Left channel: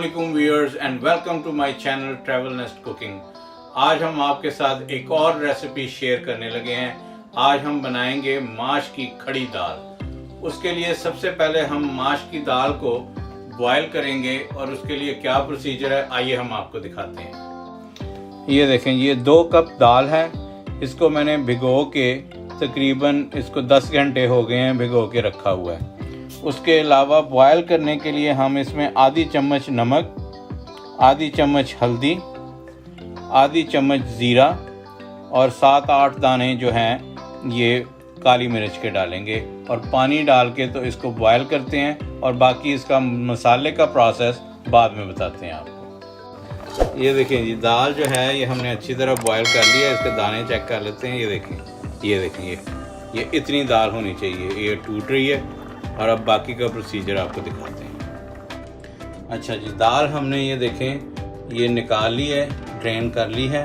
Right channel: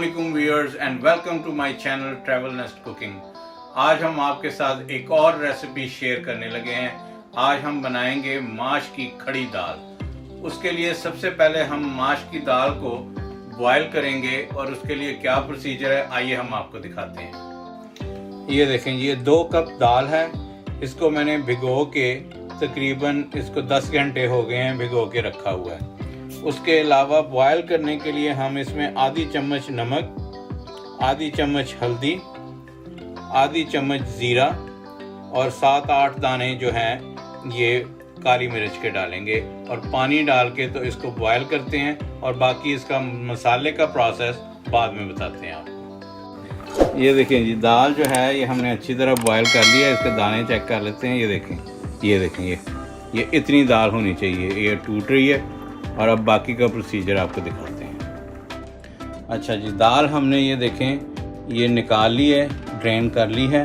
अस्सलामुअलैकुम viewers and welcome to my channel travel nest cooking. आज हम आपके साथ एक और रेसिपी शेयर करने लगे हैं। आज हम बनाएंगे माश की खड़ी दाल। उसके लिए सबसे पहले हम माश की दाल को बॉयल करेंगे और उसके लिए क्या प्रोसीजर है आइए हम आपको दिखाते हैं। ये देखें, ये 2 कप दाल है। इसको मैंने भिगो के तकरीबन इसको 10 घंटे हो गए हैं भिगो के रखा हुआ है। उसके अलावा बॉयल करने के लिए हम इसमें आधी चम्मच नमक, आधी चम्मच हल्दी, आधी चम्मच ज़ीरा और 7-8 दाने जो हैं ये काली मिर्च के डालेंगे और पानी डाल के तो इसको बॉयल करते हैं और बाकी इसका मसाले का प्रोसेस बाद में बताते हैं आपको। ये देखिए जी, दाल जो है ये हमने अच्छी तरह बॉयल कर लिया है। इसके दाने चेक कर लेते हैं। ये देखें, ये इतनी दाल होनी चाहिए। ये टूट रही है और अब बाकी का प्रोसीजर आपको दिखाते हैं। अच्छा जी, दाल हमने ये देखें ये निकाल ली है, ड्रेन कर ली है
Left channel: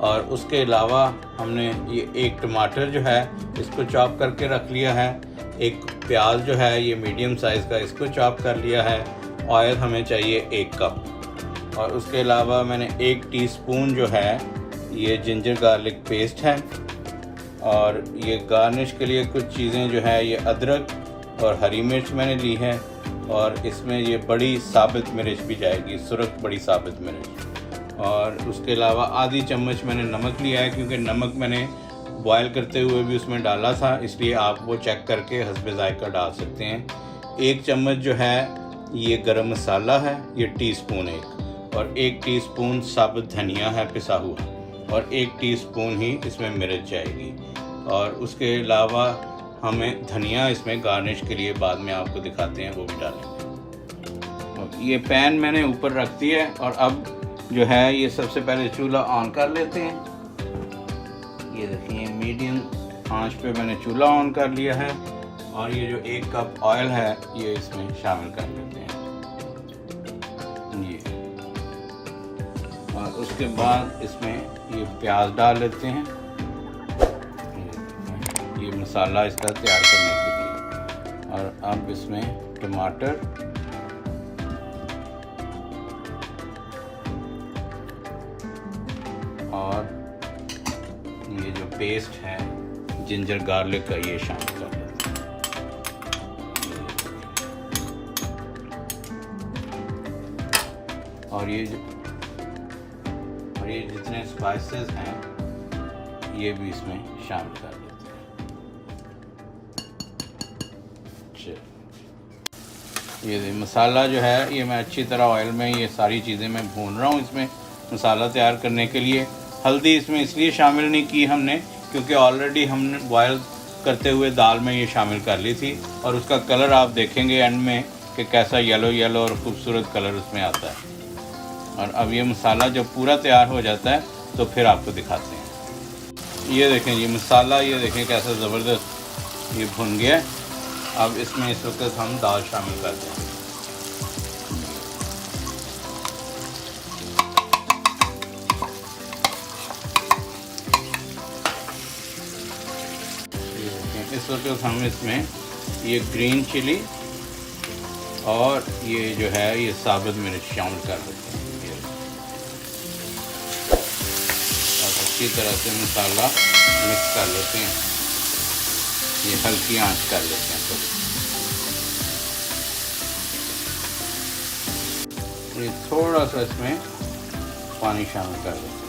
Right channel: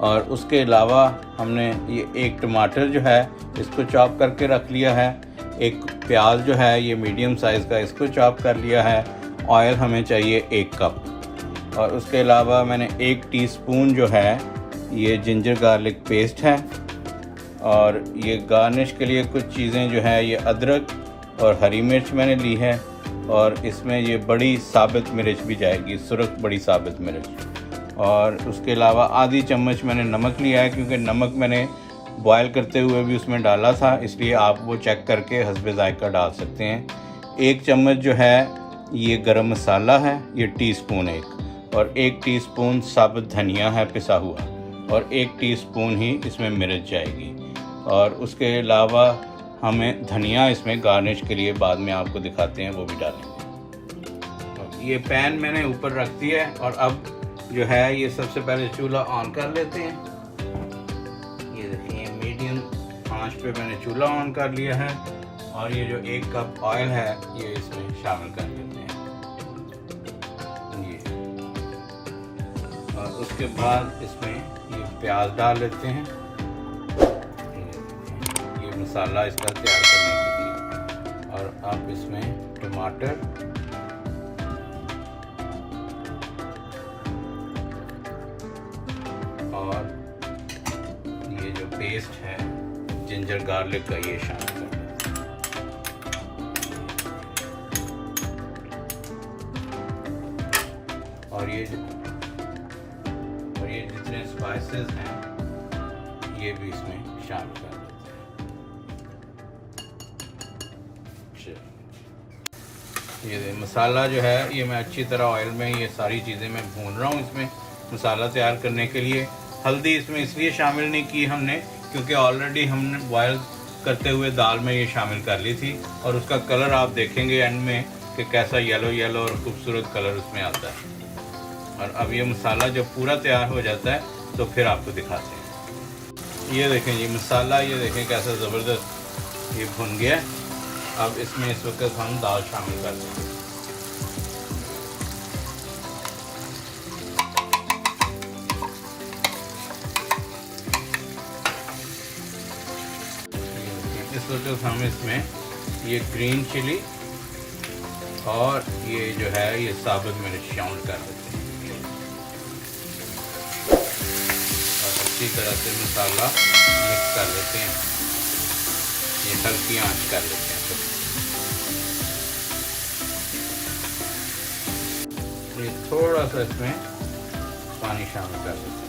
और उसके अलावा हमने ये 1 टमाटर जो है इसको चॉप करके रख लिया है। 1 प्याज जो है ये मीडियम साइज़ का, इसको चॉप कर लिया है। ऑयल हमें चाहिए 1 कप और उसके अलावा मैंने 1 टीस्पून जो है ये जिंजर गार्लिक पेस्ट है और ये गार्निश के लिए कुछ चीज़ें जो है ये अदरक और हरी मिर्च मैंने ली है और इसमें ये बड़ी साबित मिर्च भी जाएगी, सुरख बड़ी साबित मिर्च। और उसके अलावा आधी चम्मच मैंने नमक लिया है क्योंकि नमक मैंने बॉयल करते हुए भी उसमें डाला था, इसलिए आप वो चेक करके हस्बे जायका डाल सकते हैं। 1 चम्मच जो है ये गरम मसाला है, ये टीस्पून 1 और 1 टीस्पून साबुत धनिया है पिसा हुआ और 1 टीस्पून ही इसमें मिर्च जाएगी। और उसके अलावा हमें धनिया इसमें गार्निश के लिए बाद में आपको दिखाते हैं, वो भी डालेंगे। ये पैन मैंने ऊपर रख दिया है और अब जो है ये सबसे पहले चूल्हा ऑन कर लेते हैं। ये देखिए मीडियम आंच पे मैंने चूल्हा ऑन कर लिया है और ये जो 1 कप ऑयल है ये इसमें शामिल कर देते हैं ये। और उसके बाद इसमें ये प्याज डाल लेते हैं, मसाला इसका तैयार करने के लिए। और अब इसमें टमाटर और ये जो पेस्ट है जिंजर गार्लिक का ये शामिल कर देते हैं। और ये जितने स्पाइसेस हैं ये भी इसमें शामिल कर देते हैं। ये मसाला जो है ये मैं अच्छी तरह ऑयल में ये सारी चीज़ें मैं भून रहा हूँ इसमें मसाला तैयार करने के लिए। हल्दी इसमें इसलिए शामिल नहीं की हमने क्योंकि ऑलरेडी हमने बॉयल करते हुए दाल में ये शामिल कर ली थी और उसका कलर आप देखेंगे एंड में कि कैसा येलो और खूबसूरत कलर उसमें आता है। और अब ये मसाला जब पूरा तैयार हो जाता है तो फिर आपको दिखाते हैं। ये देखें ये मसाला, ये देखें कैसा ज़बरदस्त ये भुन गया। अब इसमें इस वक्त हम दाल शामिल कर देंगे। इस वक्त हम इसमें ये ग्रीन चिली और ये जो है ये साबुत मिर्च शामिल कर देते हैं और अच्छी तरह से मसाला मिक्स कर लेते हैं। ये हल्की आंच कर लेते हैं। ये थोड़ा सा इसमें पानी शामिल कर देते हैं।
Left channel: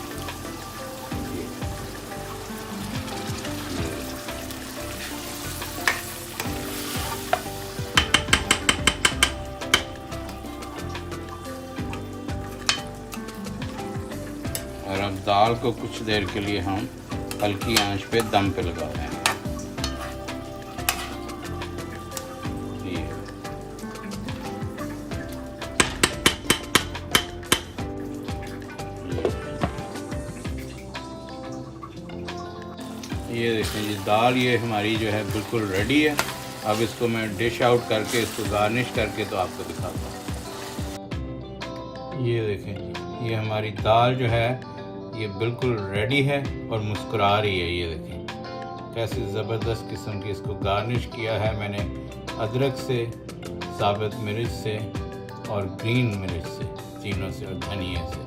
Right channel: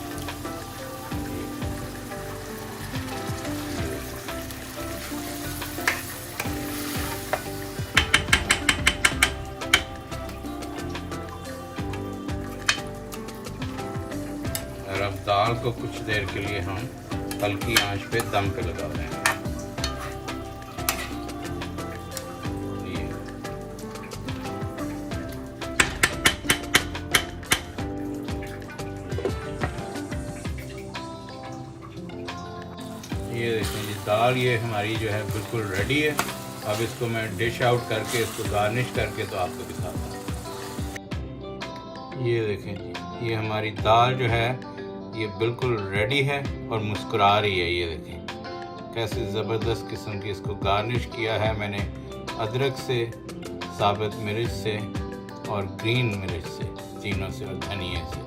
और अब दाल को कुछ देर के लिए हम हल्की आंच पे दम पे लगा दें। ये देखिए दाल ये हमारी जो है बिल्कुल रेडी है। अब इसको मैं डिश आउट करके इसको गार्निश करके तो आपको दिखाता हूँ। ये देखें ये हमारी दाल जो है ये बिल्कुल रेडी है और मुस्कुरा रही है। ये देखें कैसे ज़बरदस्त किस्म की इसको गार्निश किया है मैंने अदरक से, साबित मिर्च से और ग्रीन मिर्च से, तीनों से और धनिया से।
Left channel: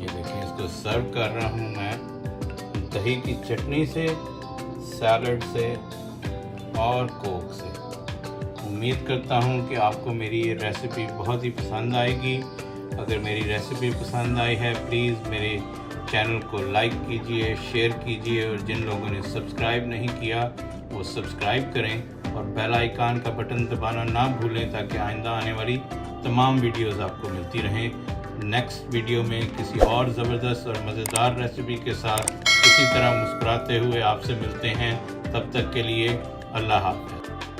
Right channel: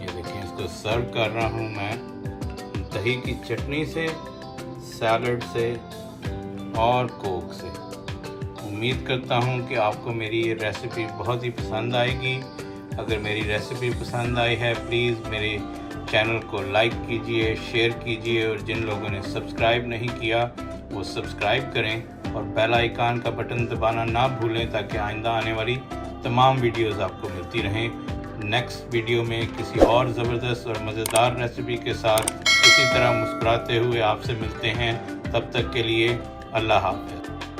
ये देखें, इसको सर्व कर रहा हूँ मैं दही की चटनी से, सैलड से और कोक से। उम्मीद करता हूँ कि आपको मेरी ये रेसिपी बहुत ही पसंद आएगी। अगर मेरी रेसिपी पसंद आई है प्लीज़ मेरे चैनल को लाइक कीजिए, शेयर कीजिए और जिन लोगों ने सब्सक्राइब नहीं किया वो सब्सक्राइब करें और बेल आइकन का बटन दबाना ना भूलें ताकि आइंदा आने वाली तमाम वीडियोस आपको मिलती रहें। नेक्स्ट वीडियो में किसी और ज़बरदस्त और मज़ेदार रेसिपी के साथ इसी तरह मुस्कुराते हुए आपसे मिलते हैं। तब तक के लिए अल्लाह हाफ़िज़।